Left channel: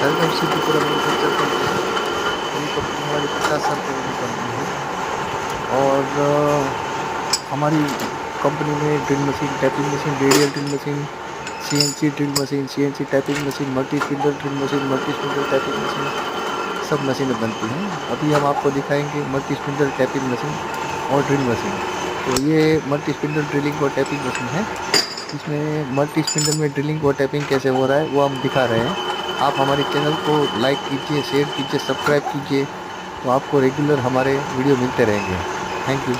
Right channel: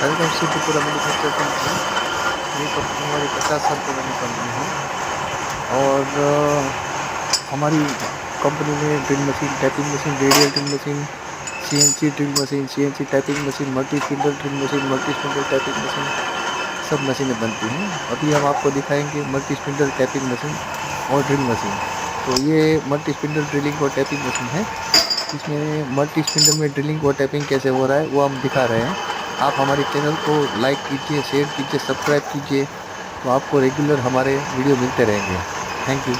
Welcome Siddhipura manufacture company. ये company हमारी 50 साल पुरानी कंपनी है और हमारी कंपनी में drill machine, tapping machine, radial drill machine, CNC drill machine, CNC tapping machine, multi spindle drill machine, multi spindle tapping machine, सब मशीनें बनती हैं। अभी हम आपको दिखाएंगे मल्टी स्पिंडल टैपिंग मशीन और ड्रिल मशीन। तो ये मल्टी स्पिंडल ड्रिलिंग और टैपिंग मशीन है। इसमें मल्टी स्पिंडल में ड्रिलिंग और टैपिंग कैसे हो रहा है वो हम दिखा रहे हैं। आप हमारे चैनल को लाइक कीजिए, शेयर कीजिए, सब्सक्राइब कीजिए, तो आपको रेगुलर हमारे वीडियो मिलते रहेंगे। Thank you.